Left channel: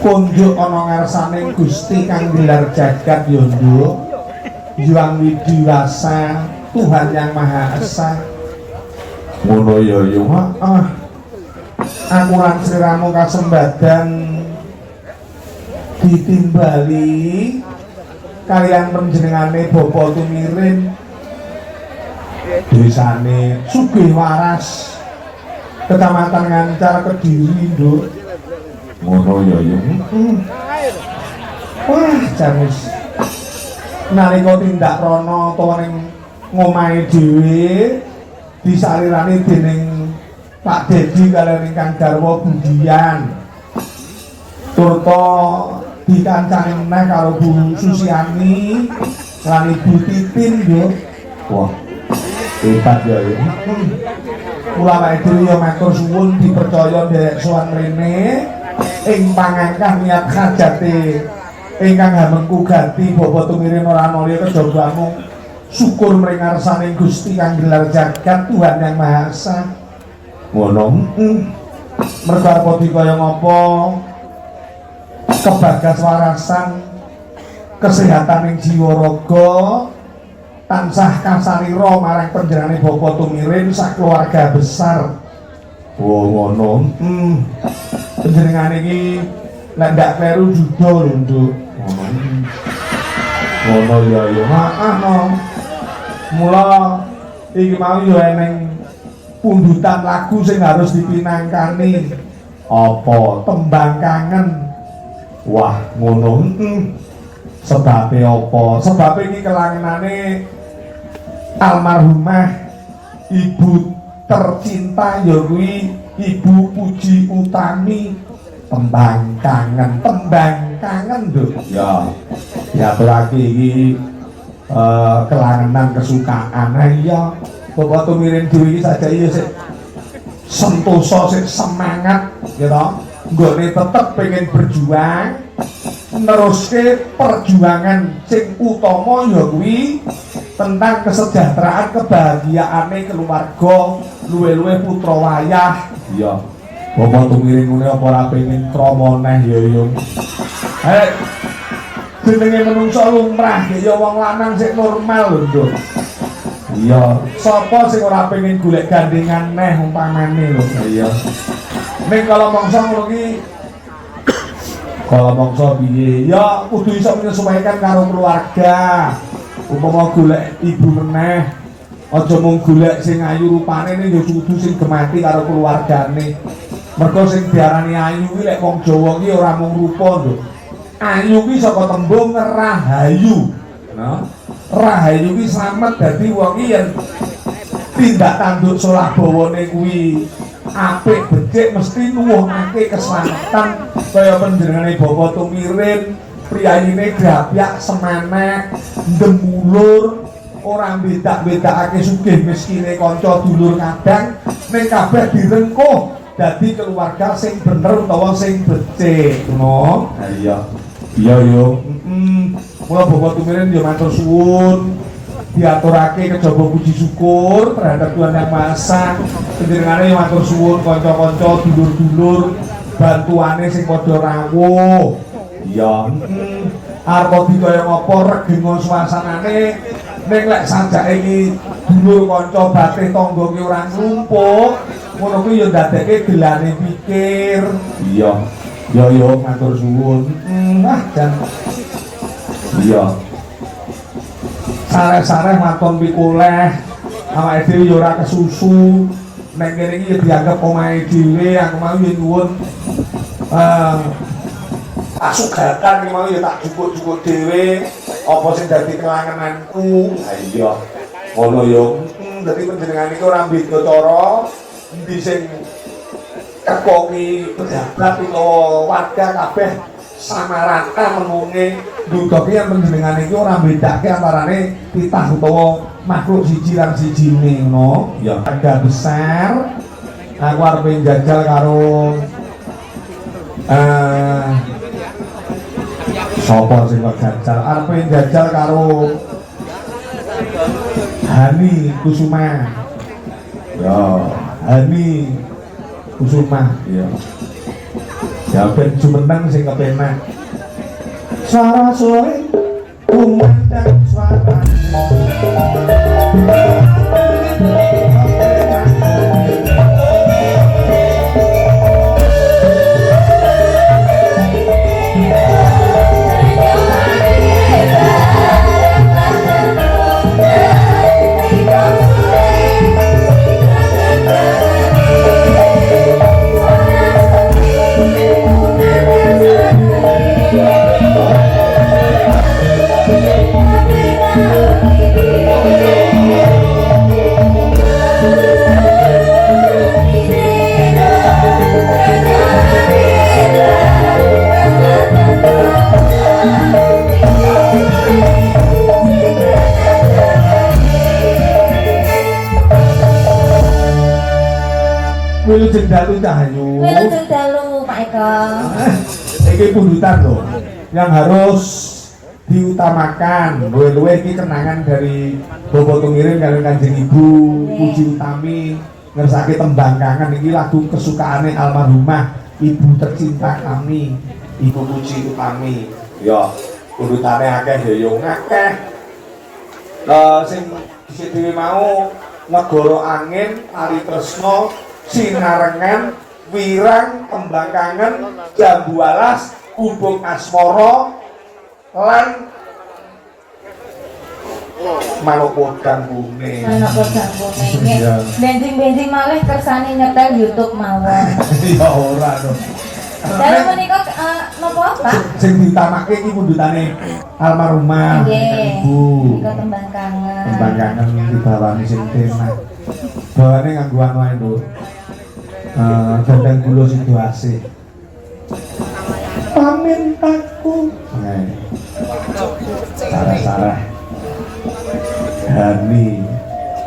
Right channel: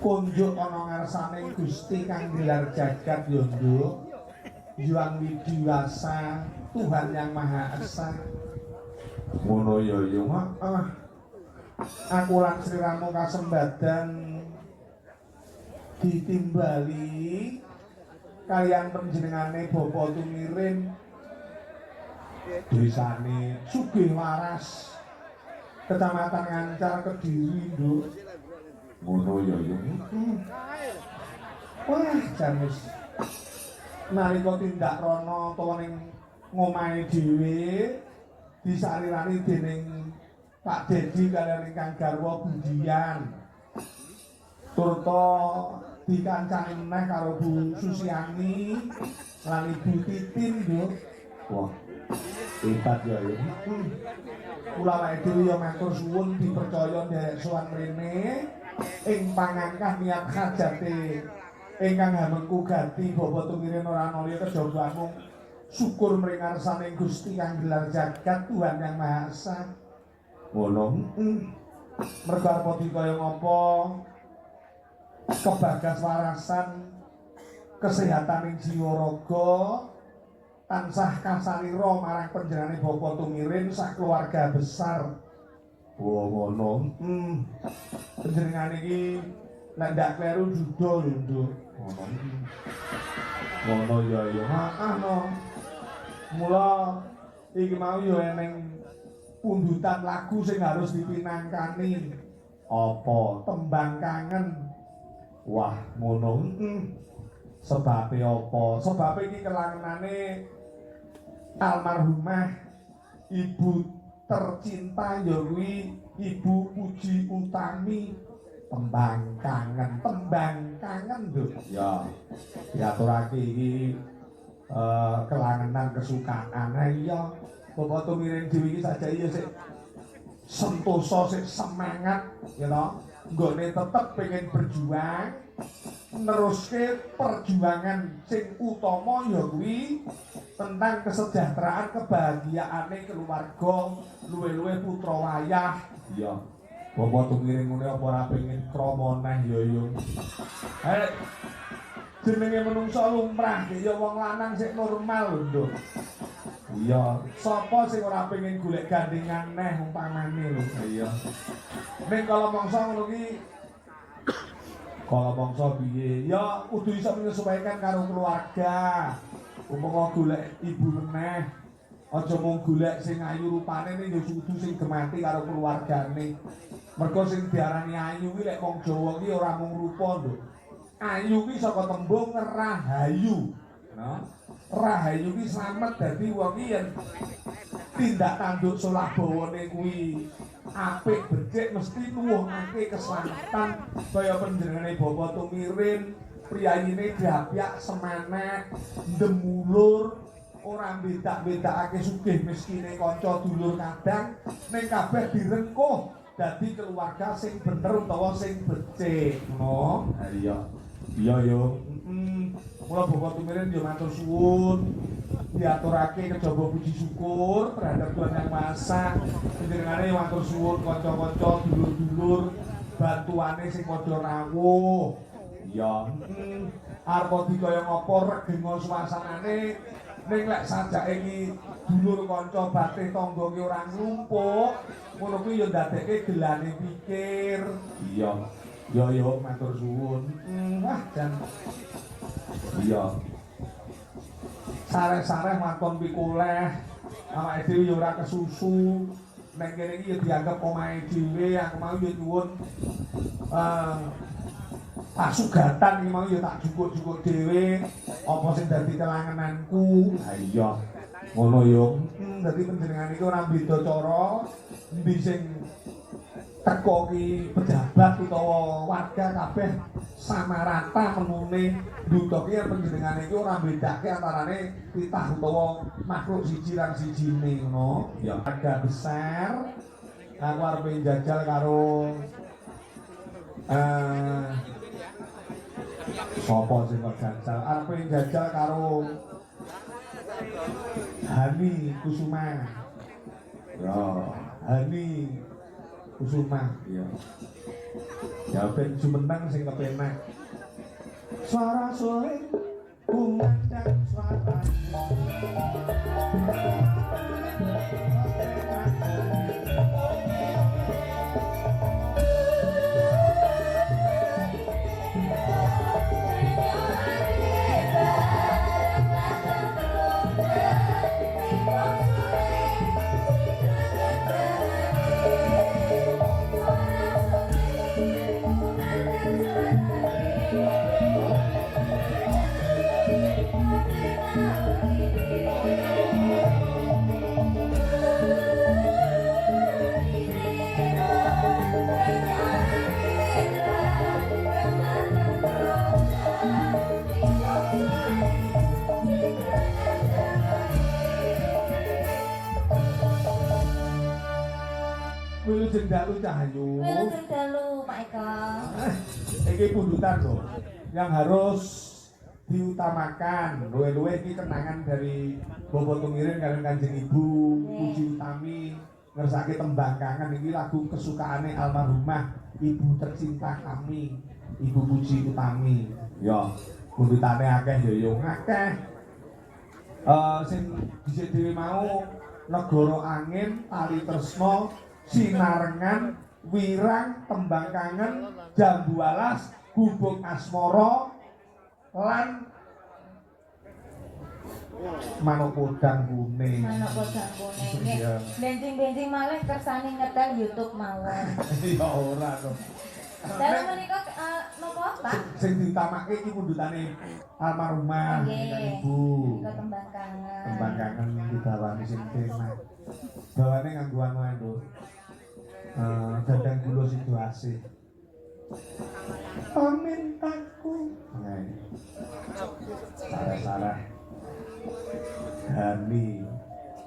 kunjuk ana ngarsaning Gusti kang gelar jagat ya nduk Hyang Widiwasa Tuhan yang Maha Esa ngono ya yo aku lan sliramu kasembadan ditimbali kalian panjenengane Bapa Tumirin desane Sugih Waras Kecamatan Ngancar Kediri nduk ngono ya yo wah jamus nalika tindak rono utawa ning ngomahe dhewe disalirani dening Pak Dedi kaliyan ingkang garwa Budian turta dikancani meneh karo Bu Susiani lan Ibu Titin yo wah hebat ya yo kula wae dhewe yo matur suwun dipercaya nderek sowan rene ing pangangkah niat hajate ingkang hamengku gati Bapa Tumirin ora nolya kejabamu syukur mring ngarsaning Gusti kang gelar jagat Tuhan yang Maha Esa ngono mergo apa dikaya ngapa kebagas warasan kesehatan ing jiwa raga tansah kasarira marang panjenengane Bapa Tumirin sak keluarga besar ngono panjenengane iki lek ndak kleru judo lho nduk ngono ya ya no mula iki mau yo eneng pundutan lagu sing harus dipinangkani apa tembang kangen wah ngono sebabe apa sebabe iki kelangenane almarhumah ibu tercinta ya kuwi Ibu Puji Utami tembang kangen lho ya diaturake iki kelangenan kesukaan ya Bapak Tumirin dhewe iki saja ya sik sentosa sik semangat ya toh nggone tetep pengen berjuang neruske perjuangan sing utama ya kuwi tentang kesejahteraan kebahagiaane keluarga luwe-luwe putra wayah iya Bapak Tumirin ngene apa ora pengen krama neh ya yo jenenge menungso lumrah ya wong lanang sing normal lho nduk iya sapa sing ora pengen golek gandengan neh umpamane lho iya ning kalau mangsa ngono iki kalau mangsa piye ya kudu iso menyesuaikan karo keluarga umpama golek ibu meneh aja mung golek sing ayu rupane ning ya kudu sing gemati karo keluargane mergo sing diarani ayu kuwi lek wong Jawa ki ora mung rupa lho ayu kuwi saka tembung rahayu no rahayu kuwi slamet dadi wong iki yen tindak tanduk solah bawane kuwi apik becik mesti nuwuhake keselamatan kaya panjenengane Bapak Tumirin priyayine grapyak semanek ndemulur ora bedak-bedakake sugih miskine kanca dulur kadang ning kabeh direngkuh dadi keluarga sing bener utawa sing becik ngono iya iya yo mula Bapak Tumirin yo matur suwun diaturake kejaba puji syukur terhadap Tuhan Yang Maha Esa panjenengane matur suwun kanca-kanca dulur-dulur bantuane sing padha rawuh iya arep dikaya ngapa regenga suasanane ning lek sajake iki dulur kanca batih tangga ki ora nglumpuk ngono kuwi ya ndadekke gelane pikir iya ya yo matur suwun jan iya sareh-sareh maton pikuleh awake dhewe ya ora kesusu nek kene iki dianggep omahe dhewe aku mau yen nuwun asugatan iki mau ya tak cukup-cukup dhewe apa sing dadi kelangenanku ha iya ngono yo dadi panjenengan iki ora beda cara endi sing kekoki pejabat utawa warga kabeh sama rata menunge ndudoke yen panjenengan iki ora bedake antarane titah utawa makhluk siji lan sijine ngono ya ada besar aku arep njajal karo sapa sing jajal arep njajal karo Hani Kusuma ya Hani Kusuma ya Ya ben jumeneng sing kepenak. Suara suwe kumandang suara. Wilujeng dalu Cahayu. Wilujeng dalu Pak Eko. Ini pundutan loh, yang harus diutamakan. Luwe-luwe ini kenangan dari Bobo Tungirin kalian Kanjeng Ibu Puji Utami ngersake tembang kangen ini lagu kesukaannya almarhumah ibu tercinta kami Ibu Puji Utami. Ya, pundutannya akeh ya yo akeh. Sing dhisik dhewe mau Negoro Angin, Ari Tresno, Sinarengan, Wirang, Tembang Kangen, Jambu Alas, Gubuk Asmoro, lan Manuk Podang Kuning. Manuk Podang Kuning. Benjing-benjing malih kersane nyetel YouTube mawon. Ya ora to. Dalu menika napa Pak? Sing diutamake iki pundutane almarhumah Ibu. Menika Tembang Kangen. Tembang Kangen dibawani sing tenan. Bawane nganggo anu ae lho. Dandang gula situasi pamintaku sarah-sarah Hani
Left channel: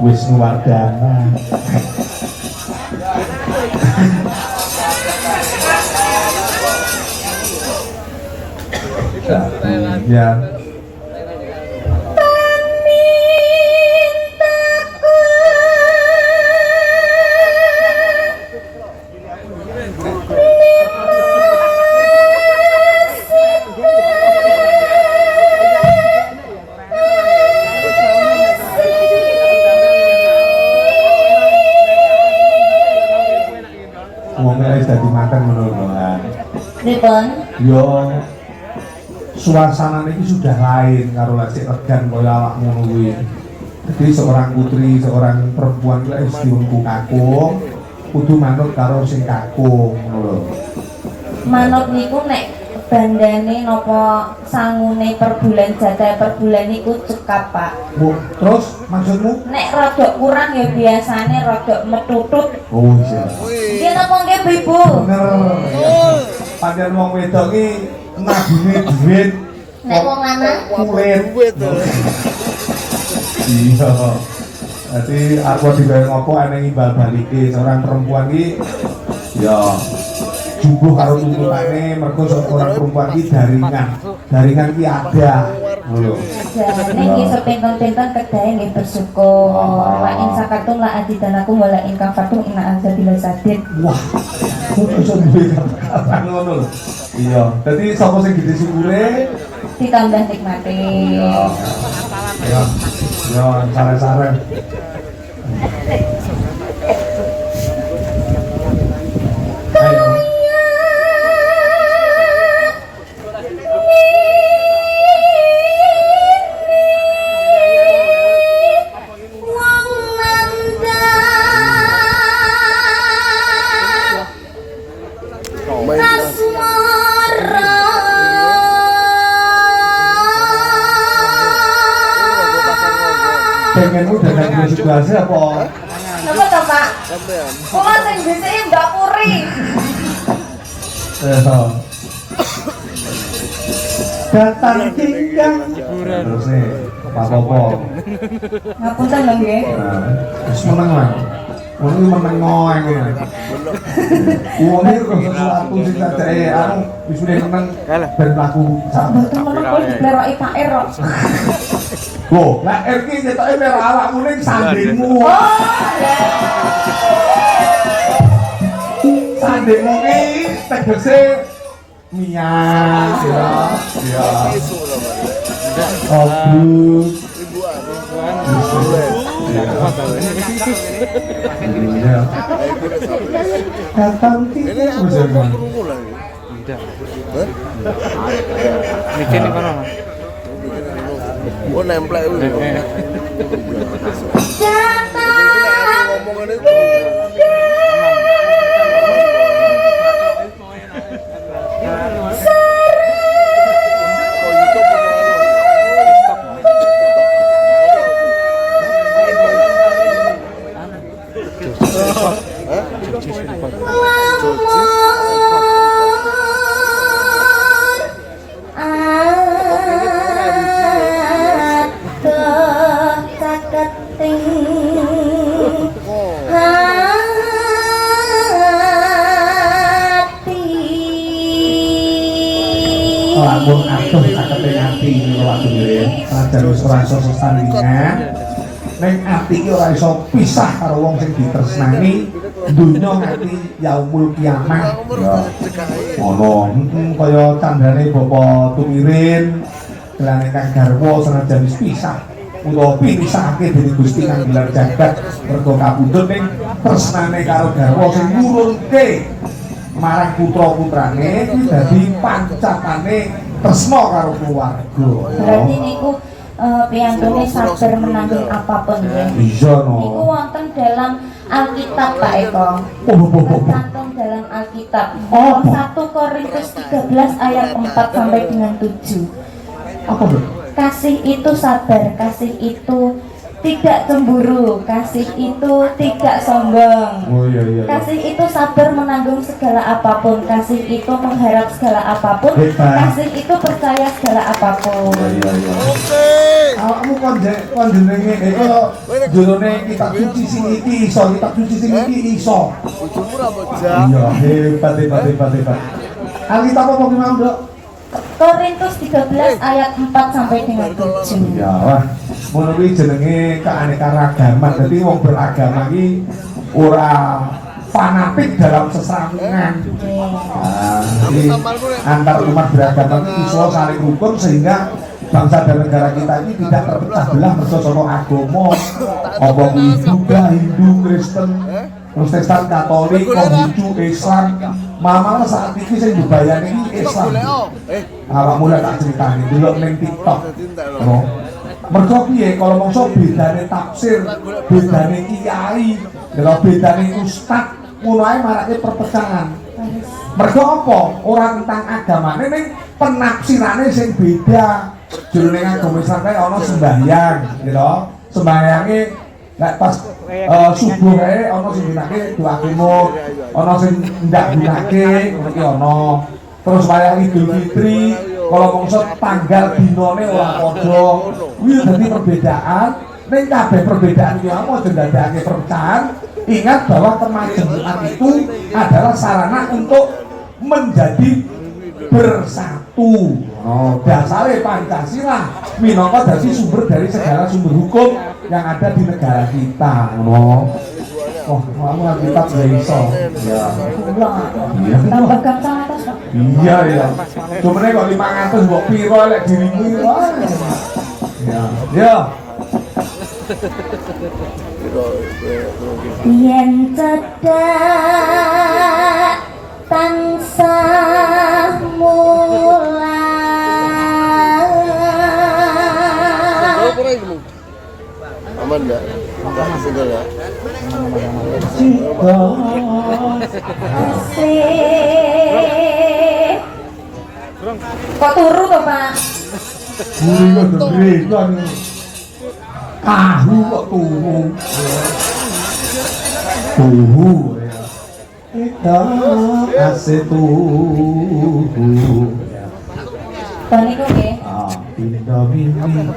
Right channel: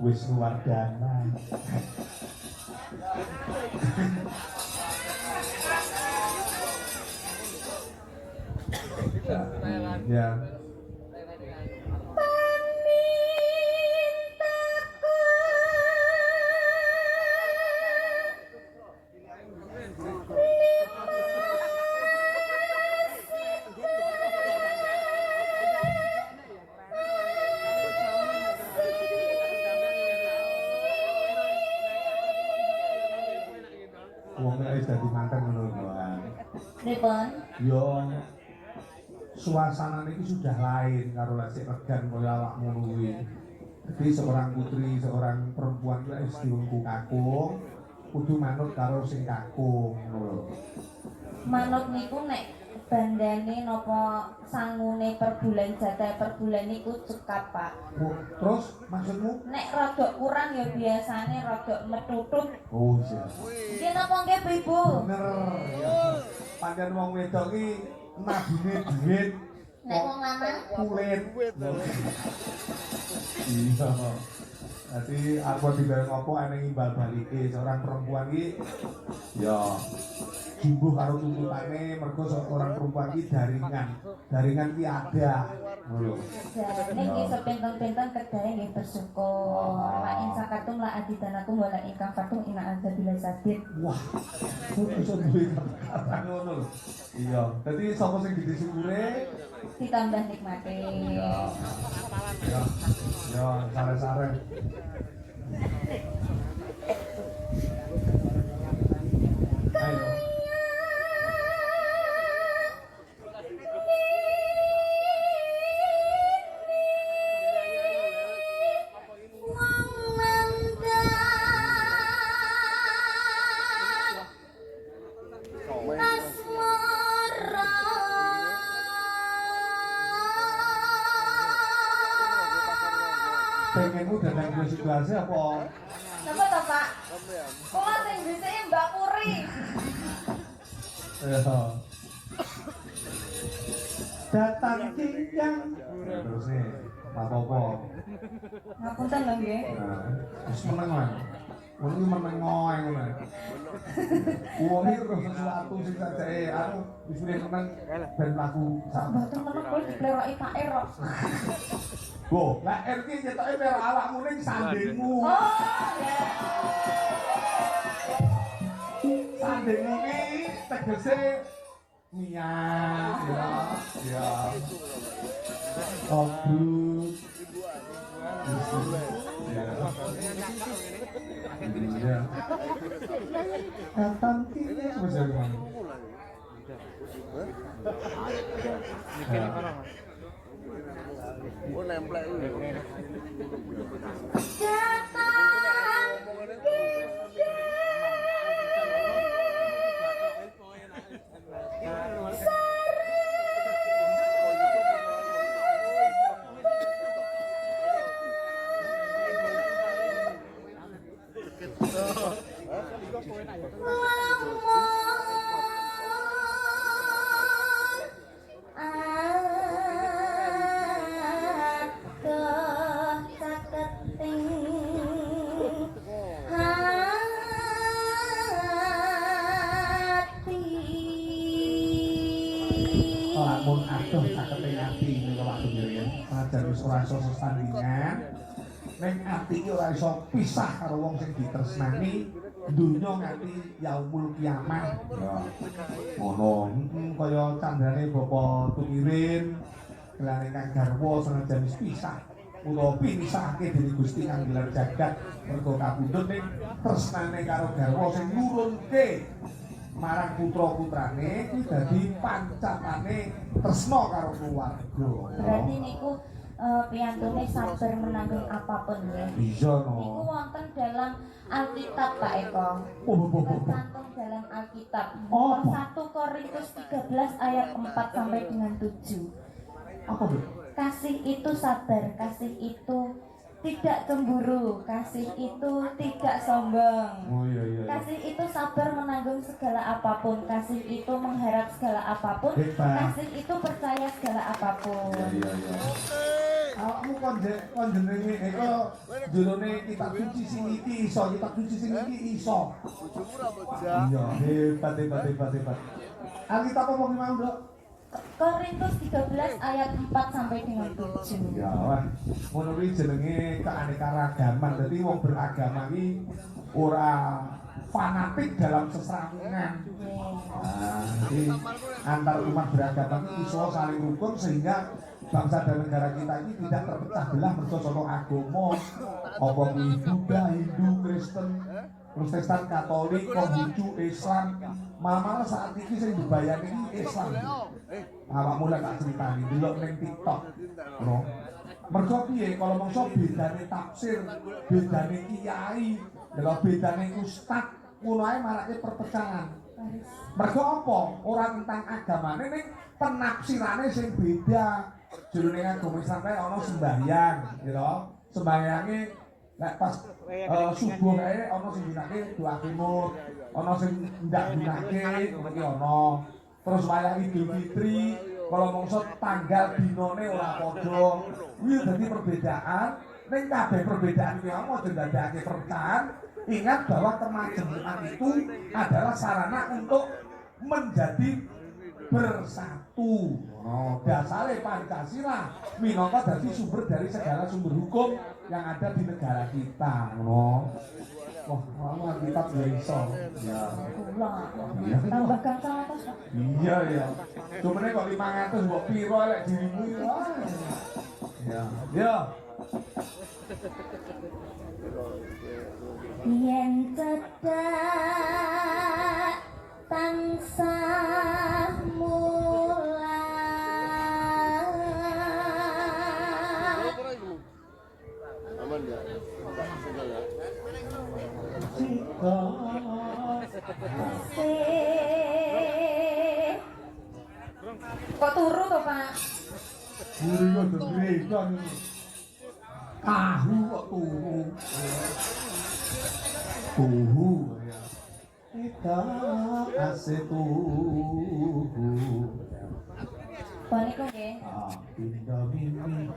Wisnuwardana ya dadi makan menurut Pripun? Yo suasana ini sudah lain karo lek regan kaya awakmu kuwi. Jadi seorang putri, seorang perempuan kuwi wis diungku kakung, kudu manut karo sing kakung ngono. Manut niku nek bandane napa sangune per bulan jatah per bulan niku cekap, Pak. Bu, terus maksudmu? Nek rodok kurang ya biasane rodok metutut. Oh iya. Iki napa nggih Ibu? Bener. Pancen wong wedok iki nabune duit. Nek wong lanang kulit. Iya. Jadi aku dibayar ngopo eneng imbal balike seorang perempuan iki ya jumbuh karo tuntutane mergo seorang perempuan iki jaringan ki ada lho. jane iki sepinten-pinten kedahe nggih bersyukur. Wa in sakartum la adidanakum wa la in kafartum inna azabil sadid. Wah, kok iso duwe kata ngono lho. Iya, dadi sapa sing gede syukure ditambah nikmati. Ya, ya, sare-sare. Ayo. Pengenmu dengan situasi apa? Napa to, Pak? Kula sing dhisiki Mbak Puri. Datang tinggal terus nih apa-apa. Ngapunten lho nggih. Wis meneng lah. Wong iki meneng ngoeng. Wong iki kok sesuatu sing cacake anu wis meneng ben mlaku sak. Mboten meneng kok dipleroki Pak Er kok. Loh, lah R ki ketoke merah awakmu ning sandingmu. Oh, ya. Sandekmu ki tegese miyang ya. Ya. Bagus. Iya. Datang kita bersama. Mikir nih kono. Oh nemplek itu. Lamun atuh cakete ati niku waktu nggih. Rajan wis ora iso sesandingan. Ning ati iki ora iso pisah karo wong sing ditresnani. Dunya nganti yaumul kiamah. Ya. Ono kaya candane Bapak Tumirin, kelane Kang Garwa senajan wis pisah. Utawa pisahake dening Gusti Kang gelar jagat mergo kapundhut ning tresnane karo garwa sing nurunke marang putra-putrane iki dadi pancatane tresna karo keluarga. Berarti niku piyambake sabar menanggung apapun ya. Iya no. Niku wonten dalam Alkitab Pak Eko. Tercantum dalam Alkitab. Oh. 1 Korintus 13 ayat 4 sampai dengan 7. Apa tuh? Kasih itu sabar, kasih itu tidak cemburu, kasih itu tidak sombong. Oh iya iya. Kasih itu sabar menanggung segala apapun, kasih itu mengharap segala apapun, Hebat. kasih itu percaya segala apapun. Iya iya. Awakmu kon jenenge jurone kitab suci sing iki iso, kitab suci sing iki iso. Bojomu ra bojang. Iya, hebat. Alkitab apa ki mau, Dok? Korintus 13 ayat 4 sampai dengan 7. Ya, wah. Ngono kuwi jenenge keanekaragaman. Dadi wong beragama iki ora fanatik dalam sesarengan. Nah, jadi antar umat beragama itu iso saling rukun sehingga bangsa dan negara kita ini tidak terpecah belah mergo saka agama. Apa kuwi Buddha, Hindu, Kristen, Protestan, Katolik, Konghucu, Islam. Mama saat ini sing dibayani iki Islam. Awak mulai tak critani delok ning TikTok. Oh. Mergo piye kalau mongso bedane tafsir, bedane kiai, lha bedane ustaz, ngono ae marake perpecahan. Mergo apa? Ora tentang agamane ning penafsirane sing beda. Jroning agama Islam kae ana sembahyang, gitu. Sembahyange nek pas subuh kae ana sing gunake doa kemuk, ana sing ndak gunake ngono ki ana. Terus wayang Idul Fitri kalau mongso tanggal dinane ora padha. Kuwi dadi perbedaan. Ning kabeh perbedaan iki apa aja ndadekake perpecahan. Ingat bahwa kemajemukan itu adalah sarana untuk menjadi bersatu. Oh, dasare Pancasila minangka dadi sumber dari segala sumber hukum yang ada di negara kita. Oh, kamu kan kita iso. Ya. Iya, Tambah gampang atas. iya ya. Cuma kok 500 mbok piro lek dirimu iki. Ya. Ya. Yen cedak tansah mulan. Aman enggak? Enggak single ya. Asik. Kok turu to, Pak? Buri kok gede kan. Tahu kok turu. Tuhu ya. Kita kasih tuhu. Tahun niku nggih. Ah, pindah mimpi.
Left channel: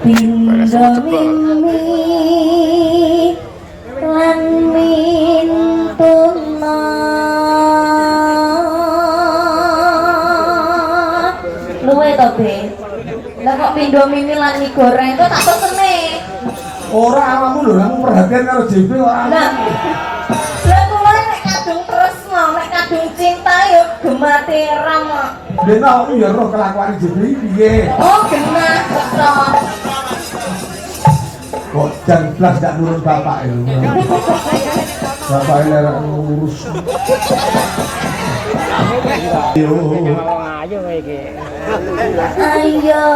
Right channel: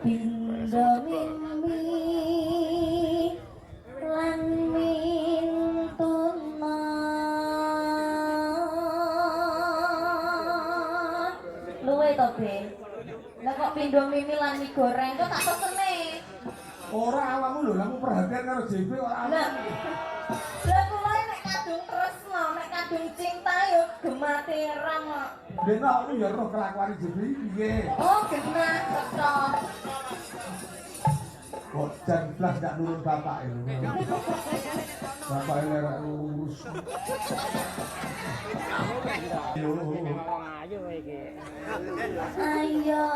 Pindah mimi lan mintuna. Luwe to, Be? Lah kok pindho mimi lan mie goreng kok tak pesene. Ora awakmu lho, kamu perhatian karo JP ora. Lah kula nek kadung terus cinta yo gemati rama. Dene iya roh kelakuan Jibri piye. Oh genah kok. Kok jan blas gak nurun bapak itu. Bapak lerek ngurus. Yo. Ngomong aja kayak gitu. Ayo